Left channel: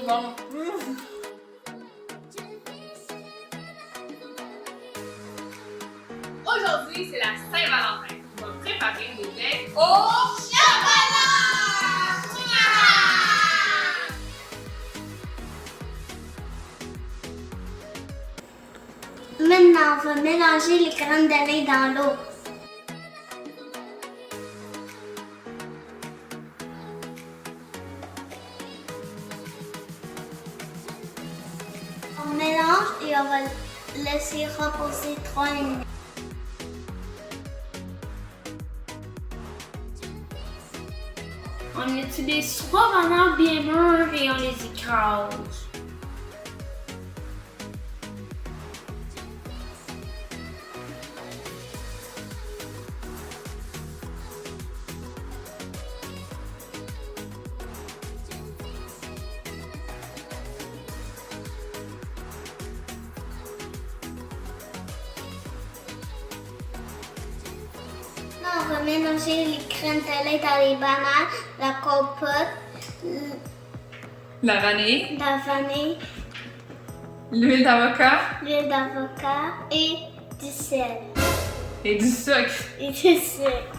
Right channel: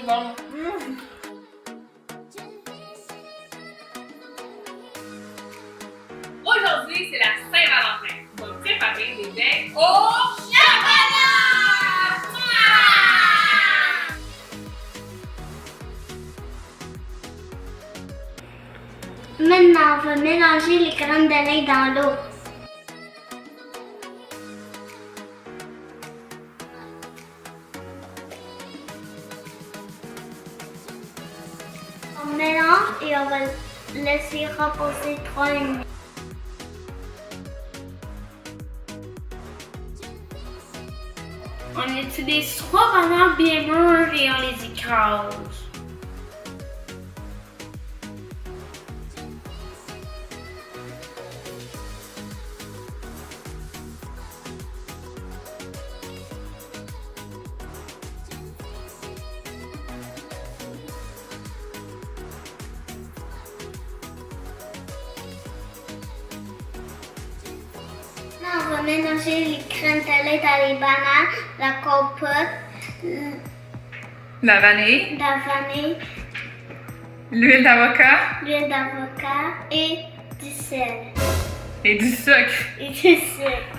trop bon. Aujourd'hui, c'est la Saint-Valentin. On va préparer des beignes au chocolat! Maintenant, on va mélanger les graines de lait dans l'eau. On mélange et on va laisser reposer 3 minutes. On utilise 3 bananes bien mûres et on les écrase. Maintenant, on va mélanger les graines de lait dans les bananes, la compote, La vanille, l'huile d'avocat l'huile d'avocat et du sel. et du sucre. Et du sucre.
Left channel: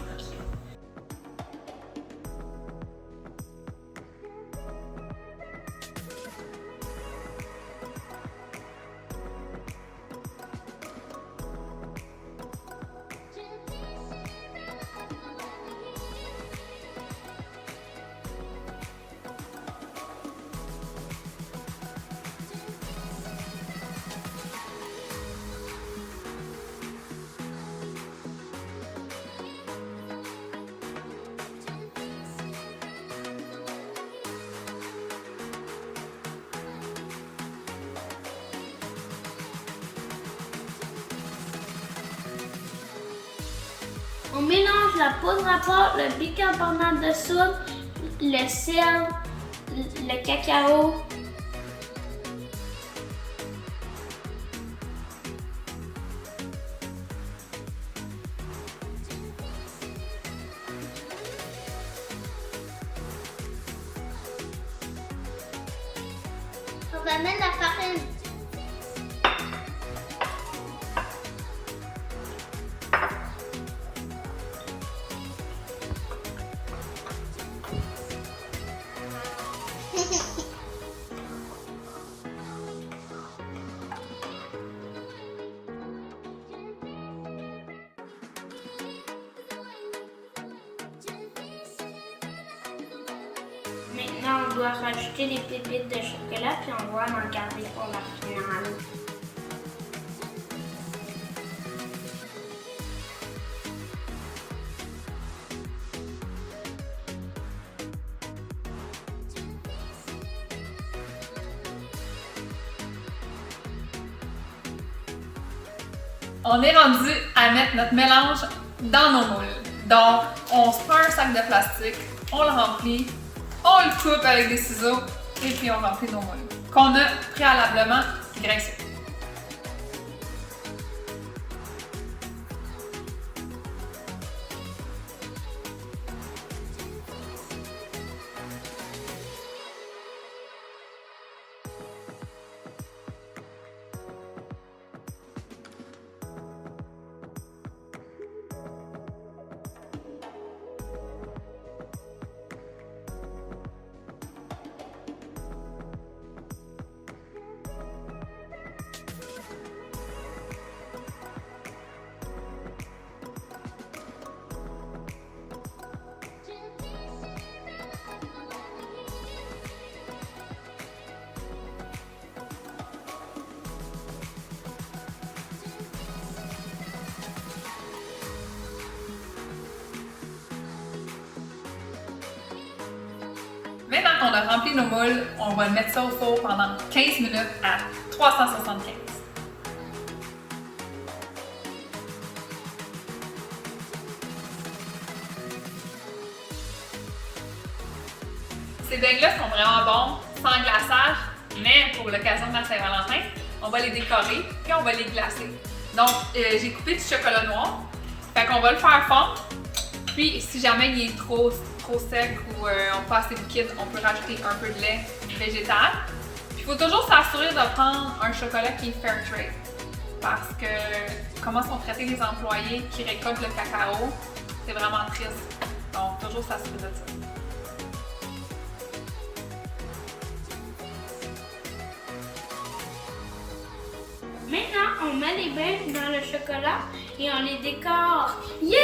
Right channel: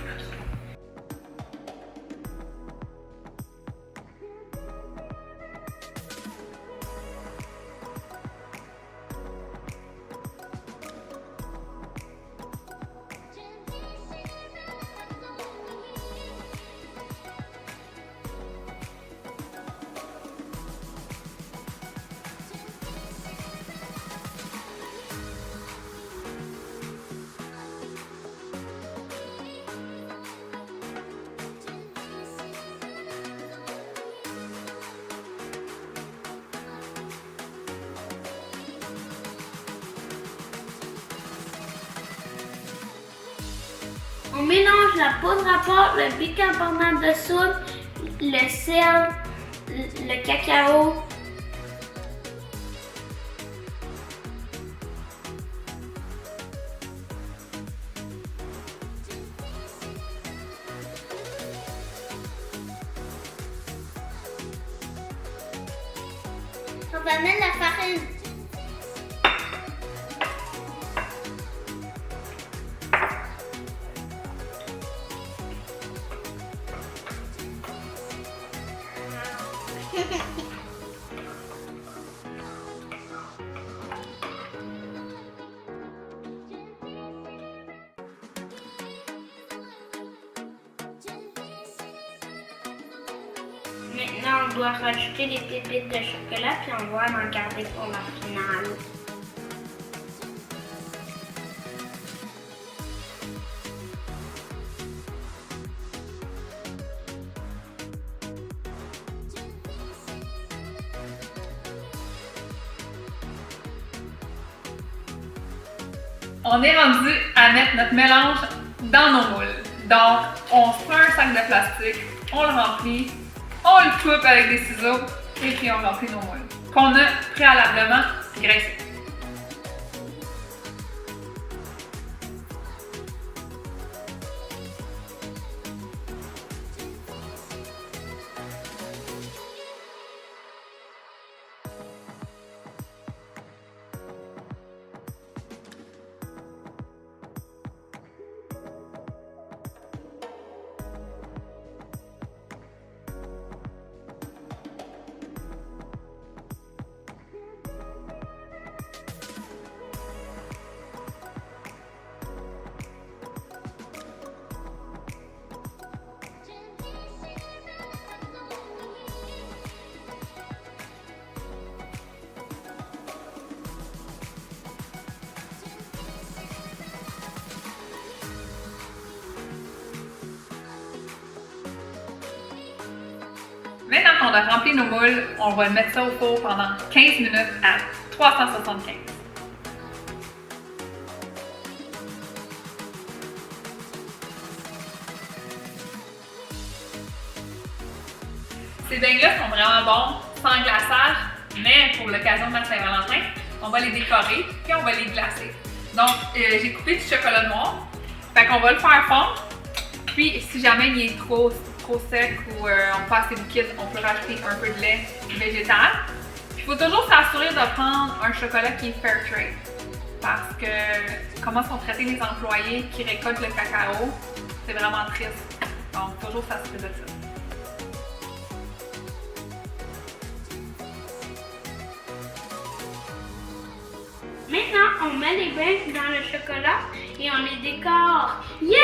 On mélange la poudre à pâte, le bicarbonate de soude, le sel, le cacao. On va mettre la farine. Maintenant, on doit rajouter les pépites de chocolat puis on va en garder pour la finale. On est rendu à mettre notre mélange dans nos moules. Donc, on se prend un sac de plastique, on le remplit, on le coupe avec des ciseaux et puis on remplit nos moules qu'on a préalablement graissés. Maintenant qu'on a rempli nos moules, on va mettre ça au four pendant 15 minutes à 375. Ces beignes-là sont vraiment bons, sans glaçage, mais pour l'occasion de la Saint-Valentin, on va les décorer puis on va les glacer. Donc, j'ai coupé du chocolat noir, fait qu'on va le faire fondre Puis, si jamais il est trop sec ou on pas assez liquide, on peut rajouter un peu de lait végétal. Puis, il faut toujours s'assurer de prendre un chocolat qui est fair trade. Parce que comment sont traités les employés qui récoltent le cacao, c'est vraiment triste. Donc, toujours s'assurer de ça. Maintenant, on met les beignes dans le chocolat et on les décore. Yeah!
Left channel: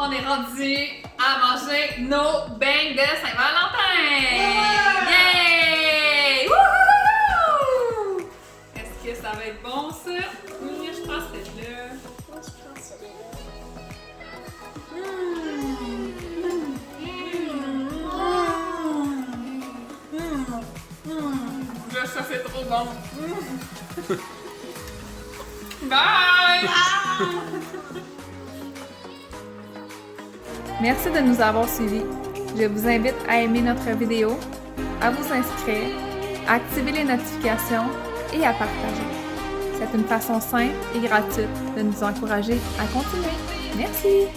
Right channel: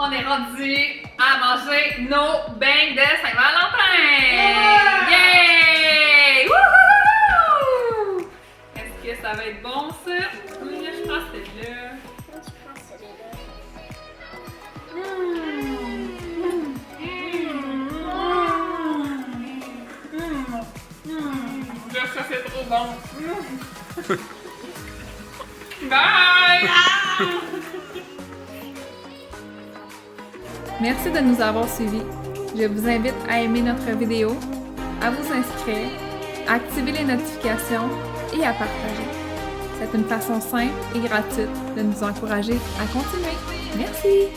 On est rendu à manger nos beignes de Saint-Valentin! Yay! Wouhou! Est-ce que ça va être bon, ça? Oui, je pense que c'est là. Moi, je pense que c'est là. Ça, c'est trop bon! Bye! Merci de nous avoir suivis. Je vous invite à aimer notre vidéo, à vous inscrire, à activer les notifications et à partager. C'est une façon simple et gratuite de nous encourager à continuer. Merci!